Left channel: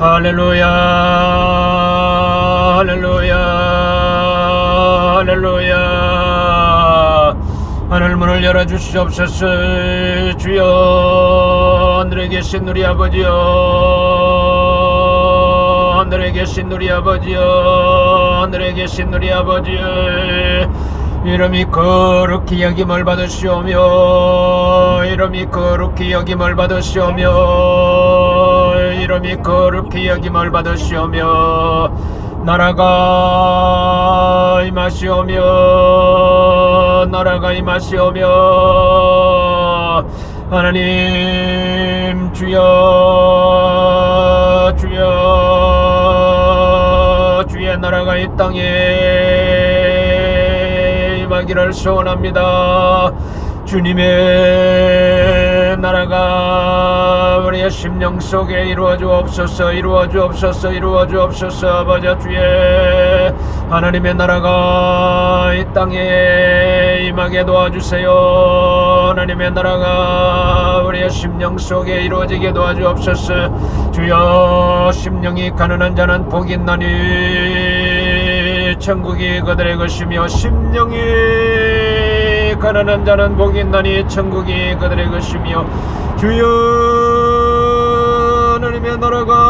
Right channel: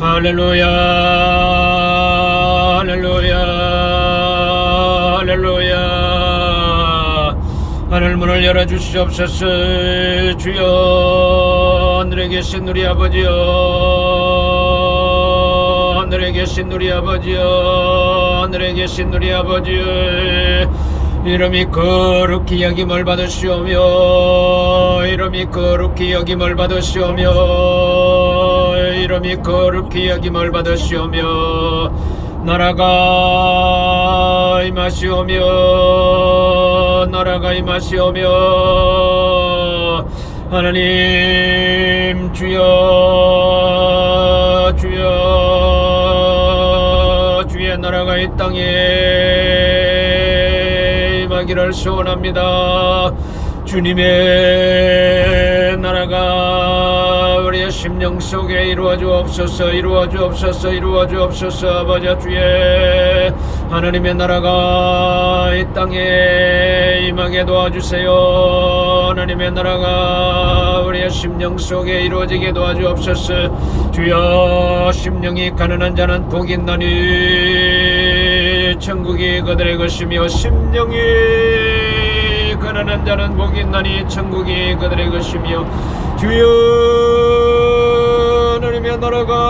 할렐루야 할렐루야 할렐루야. 하늘 문을 열어 주시옵소서 주여. 하늘에 계신 우리 아버지여. 하늘에 계신 우리 아버지여. 하늘에 계신 우리 아버지. 이름이 거룩히 여김을 받으시오며 이름이 거룩히 여김을 받으시오며 이름이 거룩히 여김을 받으시오며 나라가 임하시오며 나라가 임하시오며 하나님 주여 주여 주의 나라가 이 땅에 임하기를 소원합니다 주님의 나라가 우리의 심령 속에 이루어 주옵소서 이루어 주옵소서 이루어 주옵소서 아버지 주의 하나님의 나라가 이 땅에 임하게 도와주세요. 하나님의 나라가 우리의 심령 속에 이루어지게 도와주옵소서. 주여 심령이 가난한 자는 복이 있나니 천국이 그들의 것이며 심령이 가난한 자는 복이 있나니 천국이 그들의 것이며 주여 하나님의 나라가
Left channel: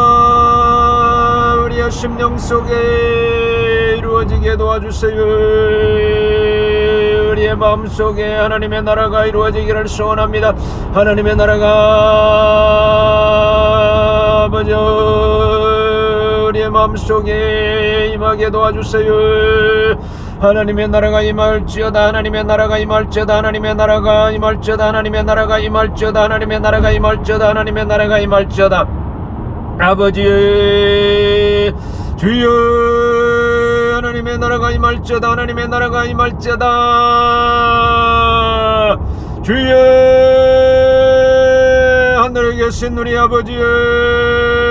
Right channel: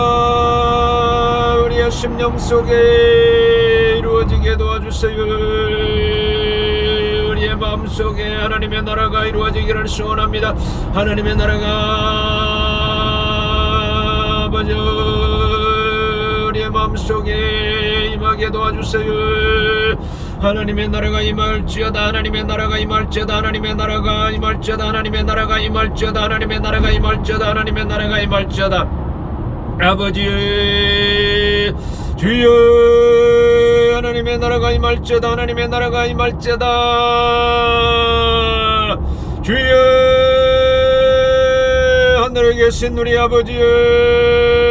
우리의 심령 속에 이루어지게 도와주세요. 우리의 마음속에 하나님의 나라가 이루어지기를 소원합니다. 하나님의 나라가 아버지 우리의 마음속에 임하게 도와주세요 하나님의 나라가 임할지어다 하나님의 나라가 임할지어다 하나님의 나라가 임할지어다 하나님의 나라가 임할지어다 하나님의 나라가 임할지어다 하나님의 나라가 임할지어다. 아버지 주여 하나님의 나라가 임할지어다 하나님의 나라가 임할지어다. 주여 하늘에 계신 우리 아버지여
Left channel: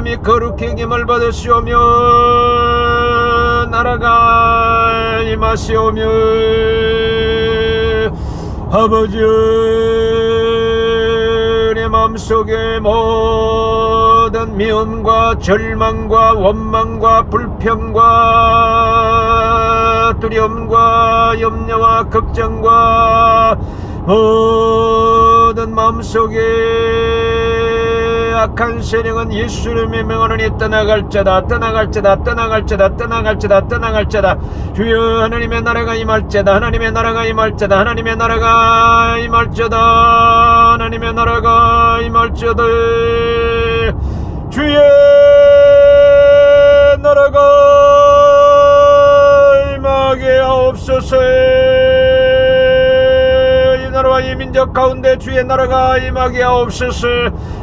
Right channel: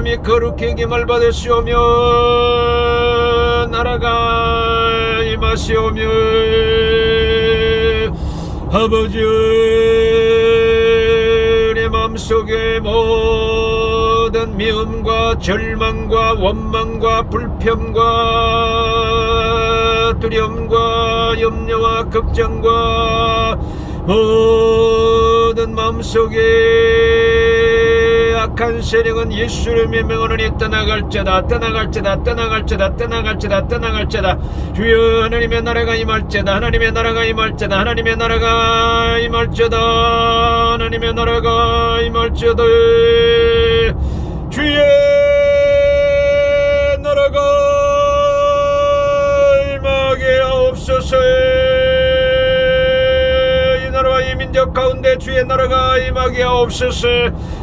이름이 거룩히 김을 받으시오며 나라가 임하시오며 아버지 내 마음속에 모든 미움과 절망과 원망과 불평과 두려움과 염려와 걱정과 모든 마음속에 악한 세력은 예수님의 명하노니 떠나갈자다 떠나갈자다 떠나갈자다 떠나갈자다 떠나갈자다. 주여 하나님의 나라가 임할자다 하나님의 나라가 임할자다 하나님의 나라가 임할자다 하나님의 나라가 임할자다. 주의 나라가 임하게 하옵소서 민족 가운데 주의 나라가 임하게 하옵소서.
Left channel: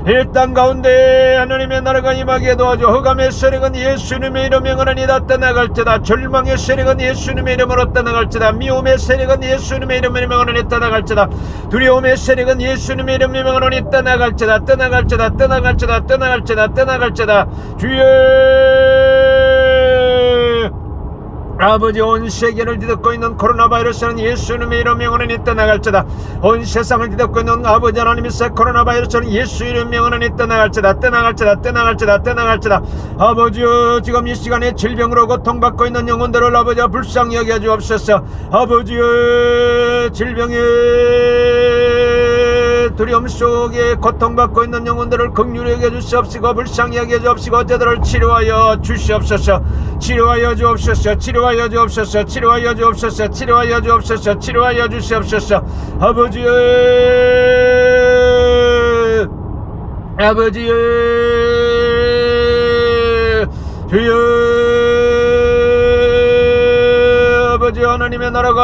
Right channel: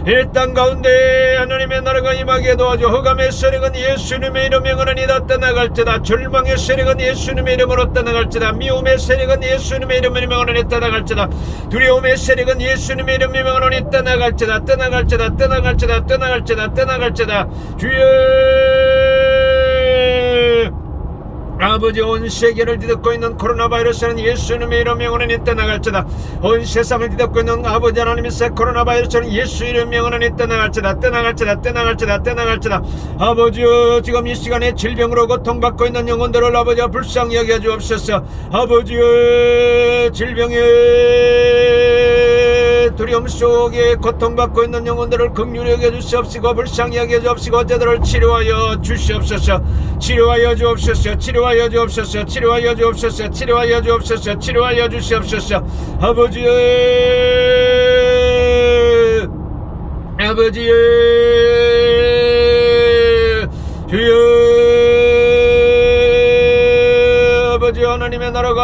이땅 가운데 하나님의 나라가 임하게 도와줘. 흑암의 세력은 예수님의 이름에 응하니다 떠나갈지다. 절망의 세력은 예수님의 이름으로 떠나갈지다. 미움의 세력은 예수님의 이름에 응하니 떠나갈지다. 두려움의 세력은 예수님의 이름에 응하니 떠나갈지다. 떠나갈지다. 떠나갈지다. 떠나갈지다. 떠나갈지다. 주여 아버지 온 세계를 뒤덮고 있는 코로나 바이러스는 예수님의 이름 명언은 떠나갈지다. 온 세상을 뒤덮고 있는 아버지 하나님의 코로나 바이러스는 예수 이름 명언은 떠나갈지다. 떠나갈지다. 떠나갈지다. 떠나갈지다. 아버지 지금 이 시간에 질병으로 고통받고 있는 영혼들을 아버지 불쌍히 여겨 주옵소서. 아버지 질병에 두려움 속에 고통받고 있는 영혼들을 극률하게 주시옵시고 불쌍히 여겨 주옵시고 저들을 치료하여 주시옵소서. 치료하여 주옵소서. 치료하여 주옵소서. 치료하여 주옵소서. 치료하여 주옵소서. 치료하여 주시옵소서. 아버지 아버지 주여 아버지 하나님의 나라가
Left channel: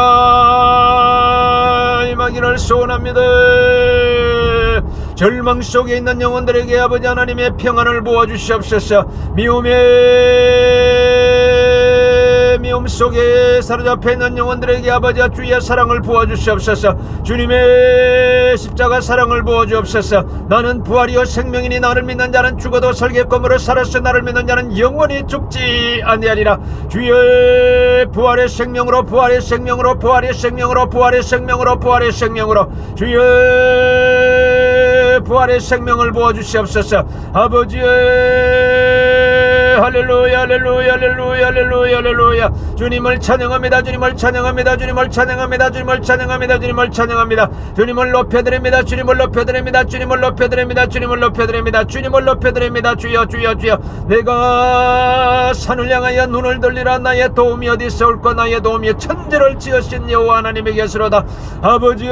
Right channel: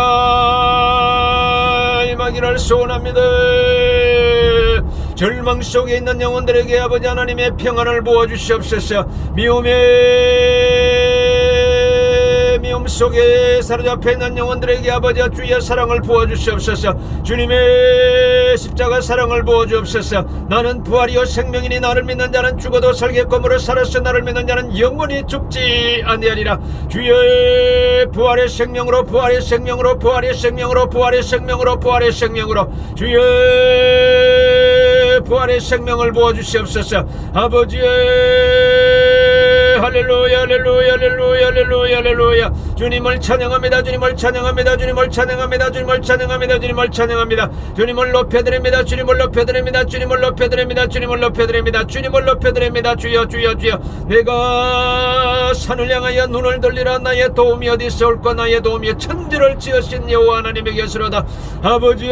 임하기를 소원합니다 절망 속에 있는 영혼들에게 아버지 하나님의 평안을 부어주시옵소서. 미움의 미움 속에 사로잡혀 있는 영혼들에게 아버지 주의 사랑을 부어주시옵소서. 주님의 십자가 사랑을 부어주옵소서. 나는 부활이요 생명이니 나를 믿는 자는 죽어도 설계검으로 살았어 나를 믿는 자는 영원히 죽지 아니하리라. 주의 부활의 생명으로 부활의 생명으로 부활의 생명으로 부활의 생명으로 부활의 생명으로. 주의 부활의 생명을 부어주시옵소서. 아버지 할렐루야 할렐루야 할렐루야 할렐루야 할렐루야. 주님을 찬양합니다 주님을 찬양합니다 주님을 찬양합니다 주님을 찬양합니다 주님을 찬양합니다. 주님을 높여드립니다 주님을 높여드립니다 주님을 높여드립니다 주님을 높여드립니다 주님을 높여드립니다. 주여 주여 주여. 내가 산을 향하여 눈을 돌리라. 나의 도움이 어디서 올까 나의 도움이 천지를 지으신 여호와 하나님에게서로다. 아버지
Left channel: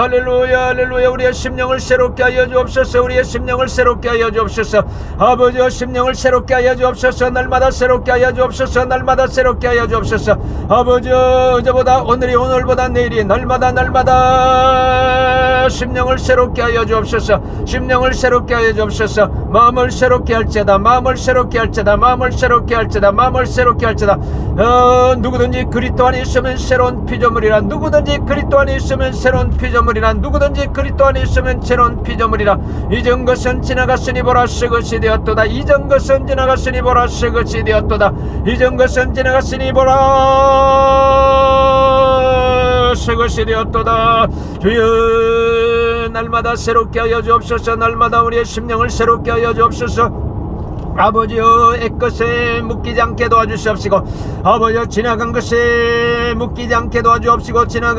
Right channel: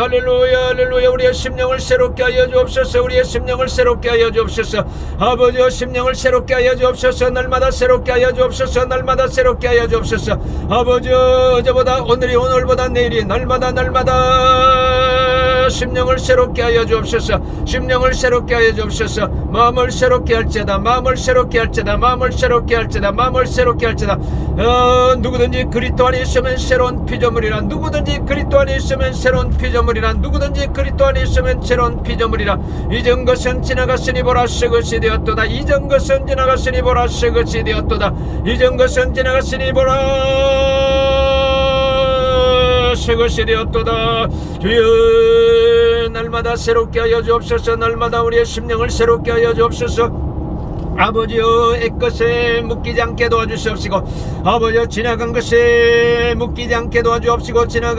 할렐루야 할렐루야. 우리의 심령을 새롭게 하여 주옵소서. 우리의 심령을 새롭게 하여 주옵소서. 아버지여 심령을 새롭게 하여 주옵소서. 날마다 새롭게 하여 주옵소서. 날마다 새롭게 하여 주옵소서. 아버지여 어제보다 오늘이 오늘보다 내일이 날마다 날마다 심령을 새롭게 하여 주옵소서. 심령을 새롭게 하여 주옵소서. 마음을 새롭게 할지다. 마음을 새롭게 할지다. 마음을 새롭게 할지다. 마음을 새롭게 할지다. 어, 누구든지 그리스도 안에 있으면 새로운 피조물이라. 누구든지 그리스도 안에 있으면 새로운 피조물 이라 누구든지 그리스도 안에 있으면 새로운 피조물이라. 이전 것은 지나갔으니 보라 새 것이 되었도다. 이전 것은 지나갔으니 보라 새 것이 되었도다. 이전 것은 지나갔으니 보라 새 것이 되었도다. 주여 날마다 새롭게 하여 주옵소서. 날마다 우리의 심령을 새롭게 하여 주옵소서. 아버지여 애것에 묶이지 않게 도와주시옵시고 아버지여 지나간 것에 묶이지 않게 도와주옵시고 지나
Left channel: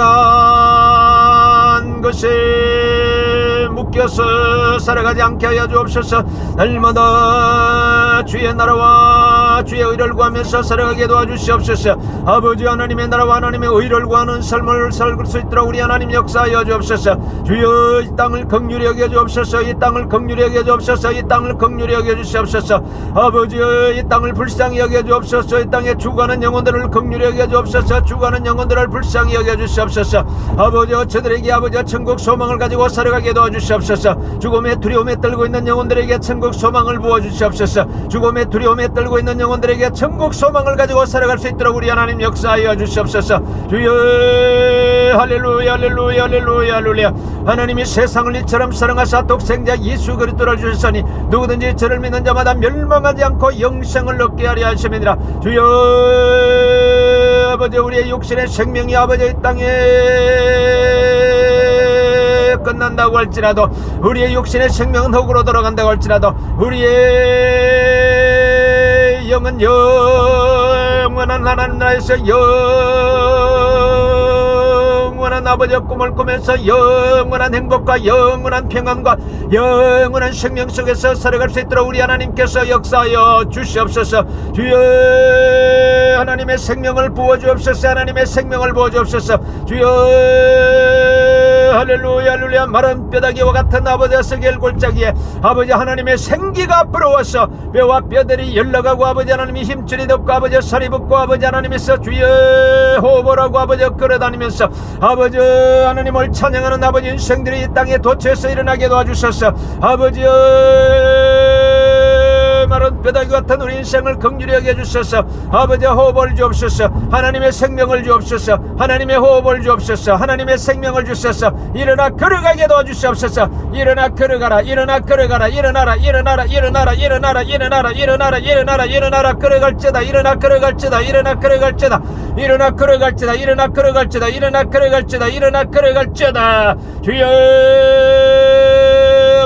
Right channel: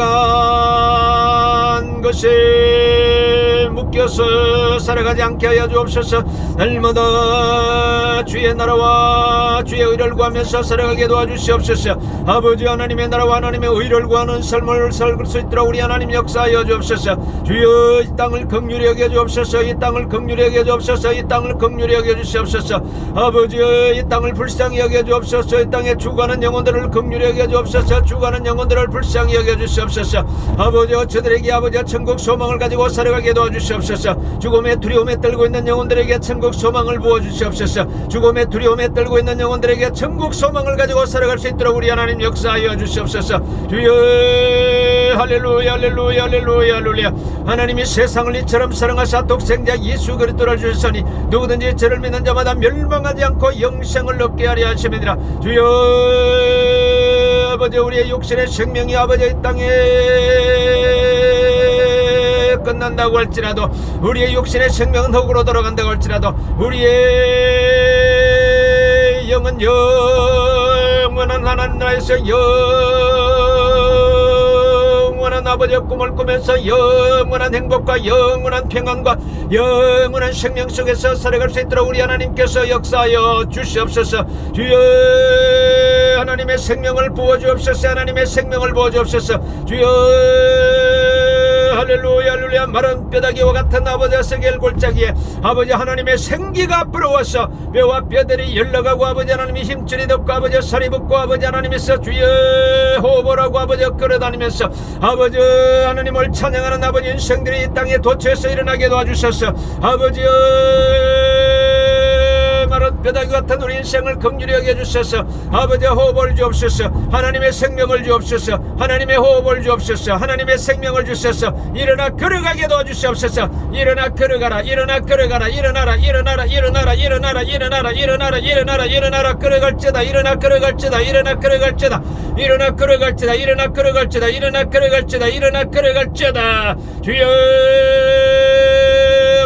간 것에 묶여서 살아가지 않게 하여 주옵소서. 날마다 주의 나라와 주의 의를 구하면서 살아가게 도와주시옵소서. 아버지 하나님의 나라와 하나님의 의를 구하는 삶을 살수 있도록 우리 하나님 역사하여 주옵소서. 주여 이 땅을 극률히 여겨 주옵소서. 이 땅을 극률히 여겨 주옵소서. 이 땅을 극률히 여겨 주시옵소서. 아버지여 이 땅을 불쌍히 여겨 주옵소서. 이 땅에 죽어가는 영혼들을 극률히 여겨 주옵소서. 죽어가는 영혼들을 불쌍히 여겨 주시옵소서. 아버지여 저들에게 아버지여 천국 소망을 가지고 살아가게 도와주시옵소서. 죽음의 두려움에 떨고 있는 영혼들에게 천국 소망을 부어주시옵소서 죽음의 두려움에 떨고 있는 영혼들에게 천국 소망을 가지고 살아갈 수 있도록 우리 하나님 역사하여 주시옵소서. 주여 할렐루야 할렐루야 할렐루야 할렐루야. 하나님이 세상을 이처럼 사랑하사 독생자 예수 그리스도를 주셨으니 누구든지 저를 믿는 자마다 멸망하지 않고 영생을 얻게 하려 하심이니라. 주여 아버지 우리의 육신의 생명이 아버지 이 땅에 끝난다고 할지라도 우리의 육신의 생명은 흙으로 돌아간다고 할지라도 우리의 영은 영원한 하나님 나라에서 영원한 아버지의 꿈을 꾸면서 영원한 행복과 영원한 평안과 영원한 생명 속에서 살아갈 수 있도록 우리 하나님께서 역사하여 주시옵소서. 주여 하나님의 생명을 부어주옵소서. 하나님의 생명을 부어주옵소서. 주여 할렐루야 할렐루야. 마른 뼈다귀와 같은 아버지의 세겔 골짜기에 아버지 하나님의 생기가 불어와서 뼈와 뼈들이 열러가고 아버지 하나님이 힘줄이 덮고 아버지 살이 붙고 아버지 하나님께서 주여 호흡을 하고 아버지 끌어다니면서 아버지 하나님을 찬양하는 아버지 인생들이 이 땅에 도처에서 일어나게 도와주셔서. 아버지 마른 뼈다귀 같은 우리 인생을 긍휼히 여겨 주셔서. 아버지 호흡을 주옵소서. 하나님의 생명을 주옵소서. 하나님의 호흡을 주옵소서. 하나님의 생명을 주셔서. 일어나 걸어가게 도와주시옵소서. 일어나 걸어가라 일어나 걸어가라 일어나라 일어나라 일어나라 일어나라 일어나라 일어나라 일어나라 일어나라. 걸어갈지다 일어나 걸어갈지다 일어나 걸어갈지다. 일어나 걸어갈지다 일어나 걸어갈지다 일어나 걸어갈지다 일어나 걸어갈지다. 주여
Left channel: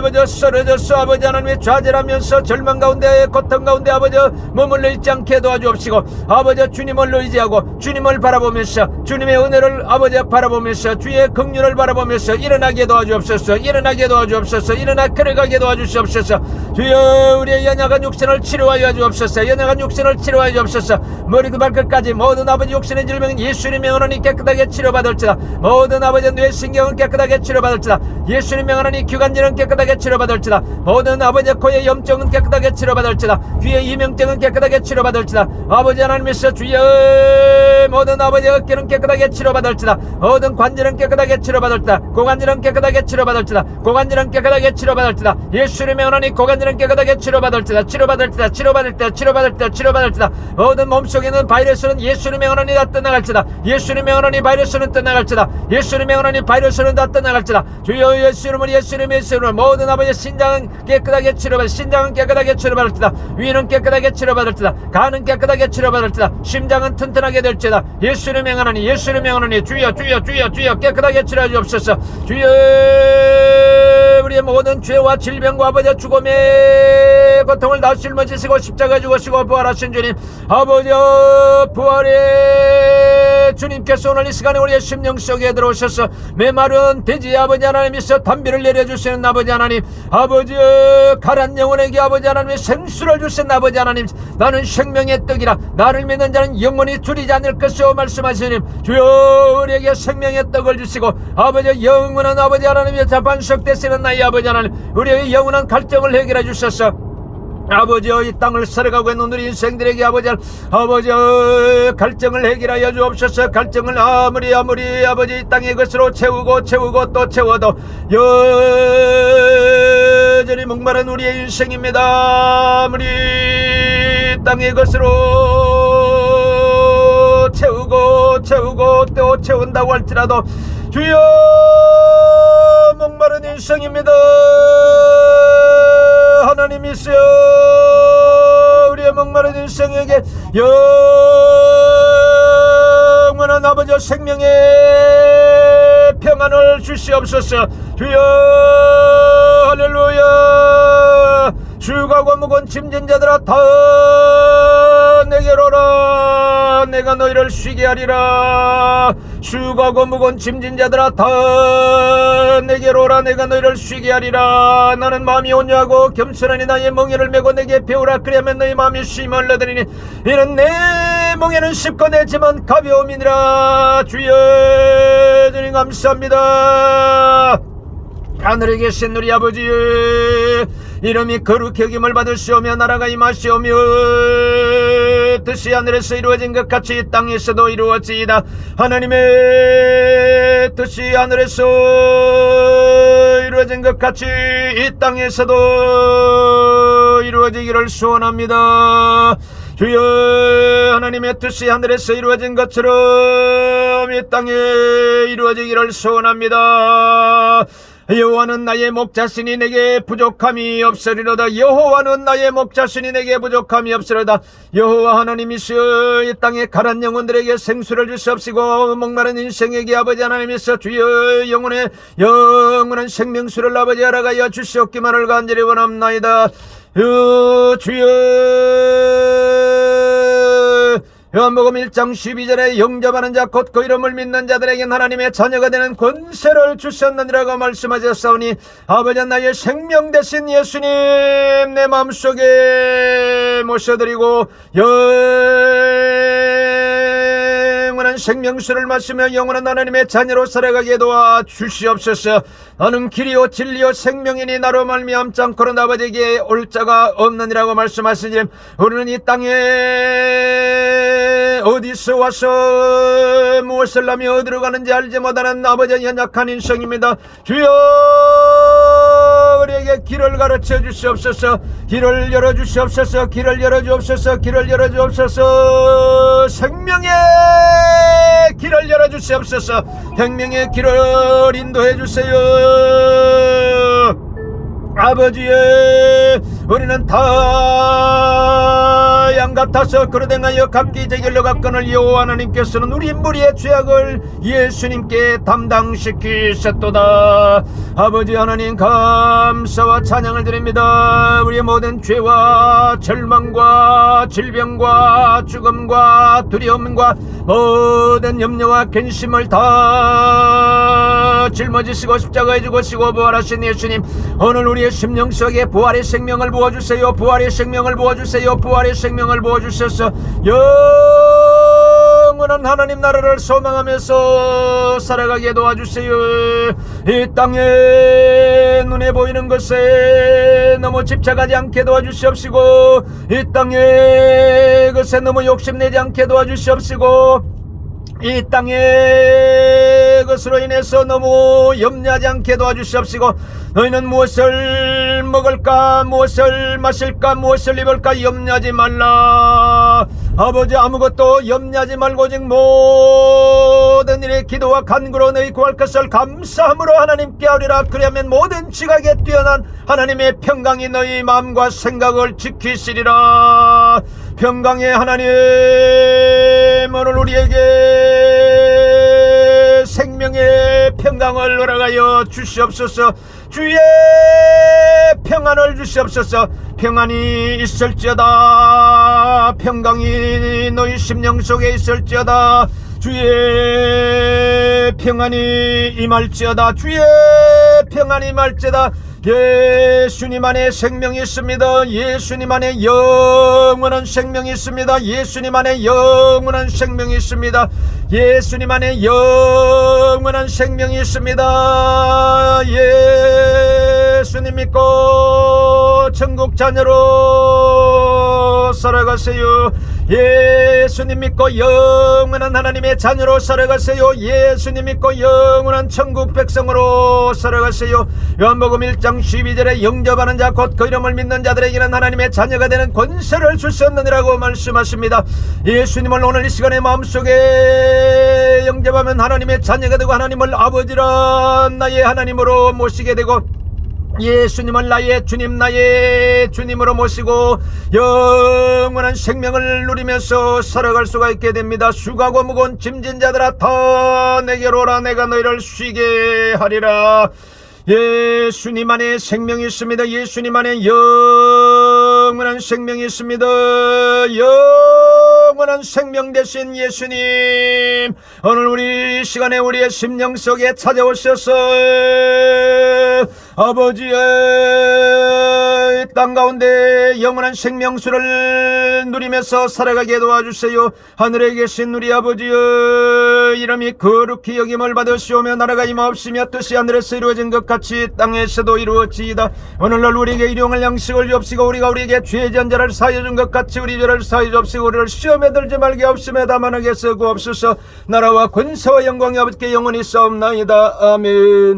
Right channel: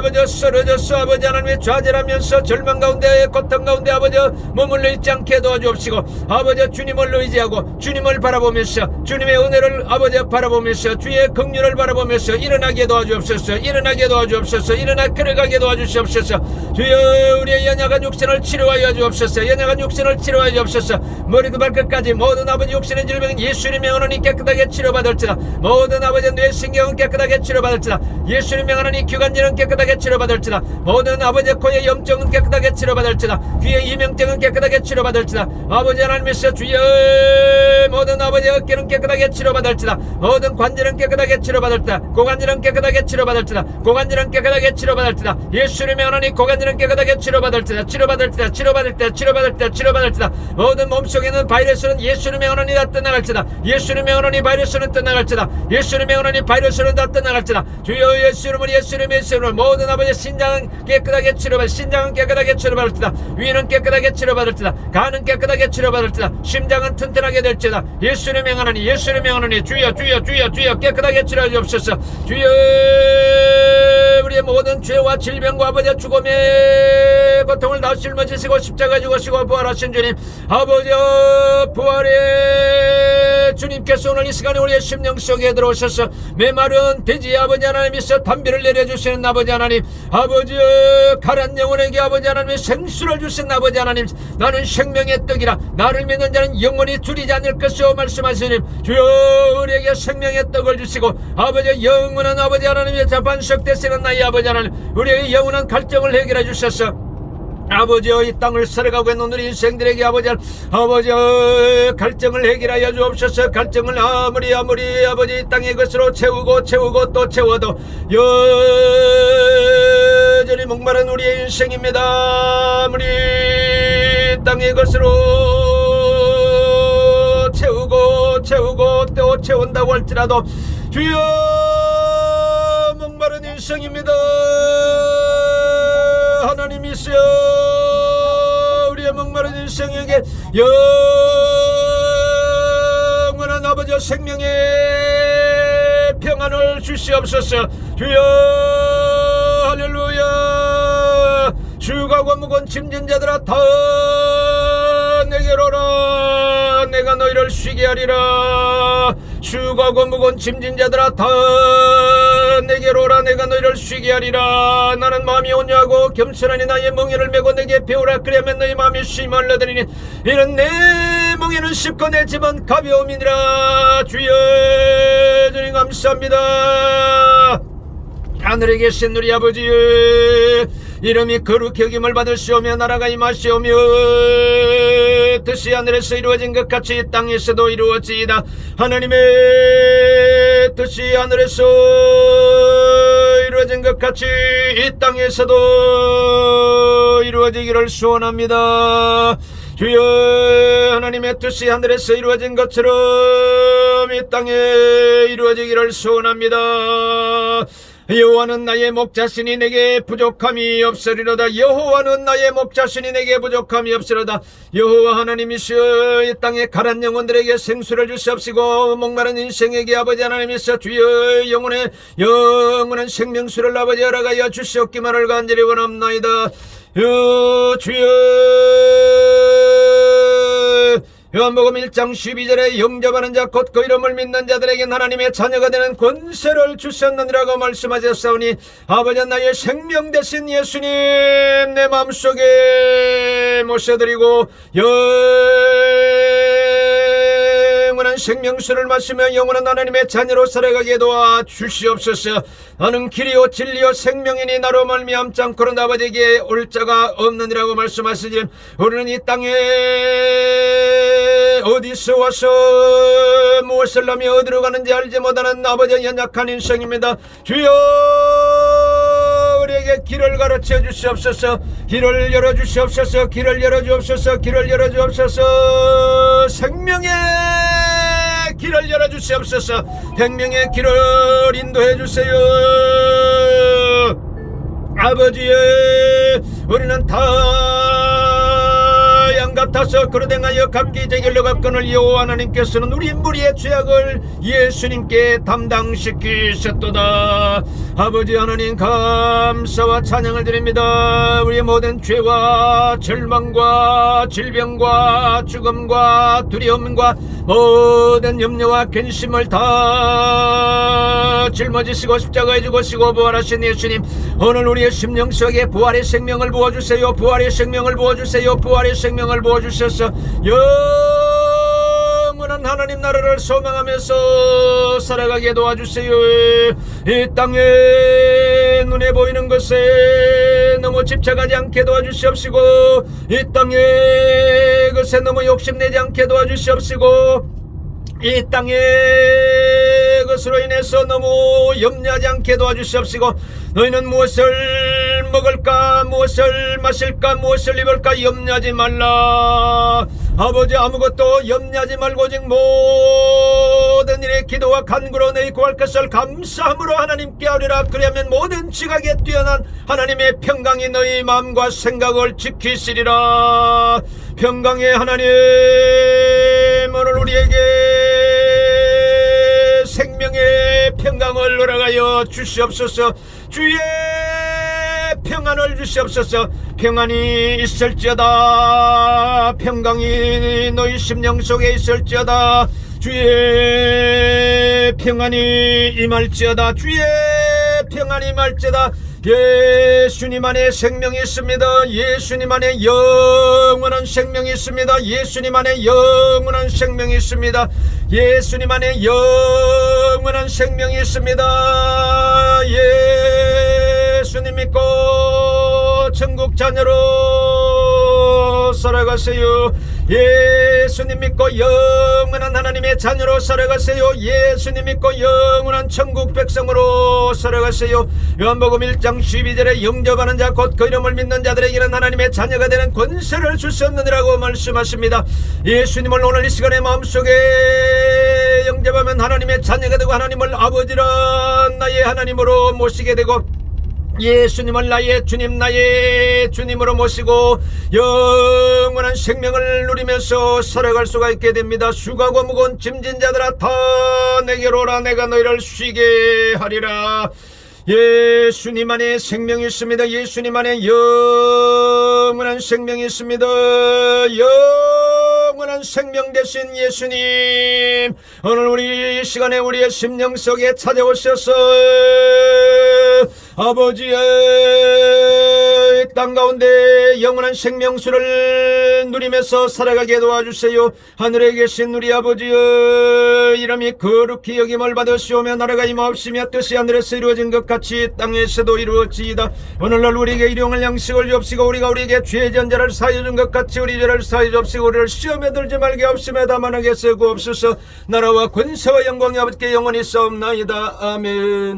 아버지 쓰러졌어 아버지 하나님의 좌절하면서 절망 가운데 고통 가운데 아버지 머물러 있지 않게 도와주옵시고 아버지 주님을 의지하고 주님을 바라보면서 주님의 은혜를 아버지 바라보면서 주의 긍휼을 바라보면서 일어나게 도와주옵소서 일어나게 도와주옵소서 일어나 걸어가게 도와주시옵소서 주여 우리의 연약한 육신을 치료하여 주옵소서. 연약한 육신을 치료하여 주옵소서. 머리도 발끝까지 모든 아버지 육신의 질병은 예수님 명하노니 깨끗하게 치료받을지다 모든 아버지 뇌신경은 깨끗하게 치료받을지다 예수님 명하노니 기관지는 깨끗하게 치료받을지다 모든 아버지 코의 염증은 깨끗하게 치료받을지다 귀의 이명증은 깨끗하게 치료받을지다 아버지 하나님께서 주여 모든 아버지 어깨는 깨끗하게 치료받을지다 모든 관절은 깨끗하게 치료받을지다 고관절은 깨끗하게 치료받을지다 고관절은 깨끗하게 치료받을지다 예수님 명하노니 고관절 이는 깨끗하게 치료받을지다 치료받을지다 치료받을지다 치료받을지다 치료받을지다. 모든 몸속에 있는 바이러스는 예수님의 언원이 다 떠나갈지다. 예수님의 언원이 바이러스는 떠나갈지다. 예수님의 언원이 바이러스는 다 떠나갈지다. 주여 예수님을 예수님 예수님을 모든 아버지 신장은 깨끗하게 치료받을 신장은 깨끗하게 치료받을지다. 위는 깨끗하게 치료받을지다. 간은 깨끗하게 치료받을지다. 심장은 튼튼하게 될지다. 예수님의 언원이 예수님의 언원이 주여 주여 주여 주여 깨끗하게 치료해 주옵소서. 주여 우리의 모든 죄와 질병과 아버지의 죽음의 고통을 다 짊어지시고 십자가 죽으시고 부활하신 주님 아버지 부활의 주님께서 오늘 이 시간에 우리의 심령 속에 들어오셔서 메마른 돼지 아버지 하나님이서 담비를 내려주시는 아버지 하나님 아버지 가란 영혼에게 아버지 하나님이 생수를 주신 아버지 하나님 나는 생명의 떡이라 나를 믿는 자는 영원히 줄이지 않을 것이오 말씀하시님 주여 우리에게 생명의 떡을 주시고 아버지 영원한 아버지 하나님의 자반석 되시는 나의 아버지 하나님 우리의 영원한 갈증을 해결해 주셔서 아버지여 이 땅을 살아가고 있는 우리 인생들에게 아버지 아버지 갈증을 해결하여 주옵소서. 갈증을 아무리 아무리 아버지 이 땅의 것으로 채우고 채우고 또 채워도 여전히 목마른 우리의 인생입니다. 아무리 이 땅의 것으로 채우고 채우고 또 채운다고 할지라도 주여 목마른 인생입니다 하나님이시여 우리의 목마른 인생에게 영원한 아버지 생명의 평안을 주시옵소서. 주여 할렐루야. 주가고 무거운 짐진 자들아 다 내게로 오라. 내가 너희를 쉬게 하리라 주가고 무거운 짐진 자들아 다 내게로 오라. 내가 너희를 쉬게 하리라. 나는 마음이 온유하고 겸손하니 나의 멍에를 메고 내게 배우라. 그리하면 너희 마음이 쉼을 얻으리니 이는 내 멍에는 쉽고 내 짐은 가벼움이니라. 주여 주님 감사합니다. 하늘에 계신 우리 아버지 이름이 거룩히 여김을 받으시오며 나라가 임하시오며 뜻이 하늘에서 이루어진 것 같이 이 땅에서도 이루어지이다. 하나님의 뜻이 하늘에서 이루어진 것 같이 이 땅에서도 이루어지기를 소원합니다. 주여 하나님의 뜻이 하늘에서 이루어진 것처럼 이 땅에 이루어지기를 소원합니다 여호와는 나의 목자신이 내게 부족함이 없으리로다. 여호와는 나의 목자신이 내게 부족함이 없으리로다. 여호와 하나님이시여 이 땅에 가란 영혼들에게 생수를 주시옵시고 목마른 인생에게 아버지 하나님이시여 주여 영혼의 영원한 생명수를 아버지 허락하여 주시옵기만을 간절히 원합나이다. 여 주여 요한복음 1장 12절에 영접하는 자 곧 그 이름을 믿는 자들에게 하나님의 자녀가 되는 권세를 주셨느니라고 말씀하셨사오니 아버지 나의 생명 대신 예수님 내 마음속에 모셔드리고 영 원한 생명수를 마시며 영원한 하나님의 자녀로 살아가게 도와 주시옵소서. 나는 길이요 진리요 생명이니 나로 말미암지 않고는 아버지에게 올 자가 없느니라고 말씀하시니 우리는 이 땅에 어디서 와서 무엇을 하며 어디로 가는지 알지 못하는 아버지 연약한 인생입니다. 주여 우리에게 길을 가르쳐 주시옵소서. 길을 열어 주시옵소서. 길을 열어 주옵소서. 길을 열어 주옵소서. 생명의 길을 열어 주시옵소서. 생명의 길을 인도해 주세요. 아버지의 우리는 다 양 같아서 그러댕하여 각기 제결로 갖건을 여호와 하나님께서는 우리 무리의 죄악을 예수님께 담당시키셨도다 아버지 하나님 감사와 찬양을 드립니다. 우리의 모든 죄와 절망과 질병과 죽음과 두려움과 모든 염려와 근심을 다 짊어지시고 십자가에 죽으시고 부활하신 예수님 오늘 우리의 심령 속에 부활의 생명을 부어주세요. 부활의 생명을 부어주세요. 부활의 생명을 부어주셔서 영원한 하나님 나라를 소망하면서 살아가게 도와주세요. 이 땅에 눈에 보이는 것에 너무 집착하지 않게 도와주시옵시고 이 땅에 것에 너무 욕심내지 않게 도와주시옵시고 이 땅에 것으로 인해서 너무 염려하지 않게 도와주시옵시고 너희는 무엇을 먹을까 무엇을 마실까 무엇을 입을까 염려하지 말라 아버지 아무것도 염려하지 말고 오직 모든 일에 기도와 간구로 너희 구할 것을 감사함으로 하나님께 하리라. 그리하면 모든 지각에 뛰어난 하나님의 평강이 너희 마음과 생각을 지키시리라. 평강의 하나님 오늘 우리에게 생명의 평강을 허락하여 주시옵소서. 주의 평안을 주시옵소서 평안이 있을지어다 평강이 너희 심령 속에 있을지어다 주의 평안이 임할지어다 주의 평안이 임할지어다 예수님 안에 생명이 있습니다. 예수님 안에 영원한 생명이 있습니다. 예수님 안에 영원한 생명이 있습니다. 예수님 안에 영원한 생명이 있습니다. 예수님 믿고 천국 자녀로 살아가세요. 예수님 믿고 영원한 하나님의 자녀로 살아가세요. 예수님 믿고 영원한 천국 백성으로 살아가세요. 요한복음 1장 12절에 영접하는 자 곧 그 이름을 믿는 자들에게는 하나님의 자녀가 되는 권세를 주셨느니라고 말씀하십니다. 예수님을 오늘 이 시간에 마음속에 영접하면 하나님의 자녀가 되고 하나님을 아버지라 나의 하나님으로 모시게 되고 예수님을 나의 주님 나의 주님으로 모시고 영원한 생명을 누리면서 살아갈 수가 있게 됩니다. 수고하고 무거운 짐진 자들아 다 내게로 오라. 내가 너희를 쉬게 하리라. 예수님 안에 생명이 있습니다. 예수님 안에 영원한 생명이 있습니다. 영원한 생명 되신 예수님 오늘 우리 시간에 우리의 심령 속에 찾아오셔서 아버지의 땅 가운데 영원한 생명수를 누리면서 살아가게 도와주세요. 하늘에 계신 우리 아버지의 이름이 거룩히 여김을 받으시오며 나라가 임하옵시며 뜻이 하늘에서 이루어진 것 같이 땅에서도 이루어지이다. 오늘날 우리에게 일용할 양식을 주옵시고 우리가 우리에게 죄 전자를 사여 준 것 같이 우리 죄를 사여 주옵시고 우리를 시험에 들지 말게 하옵시며 다만 하게 쓰고 없소서. 나라와 권세와 영광이 아버지께 영원히 싸움나이다. 아멘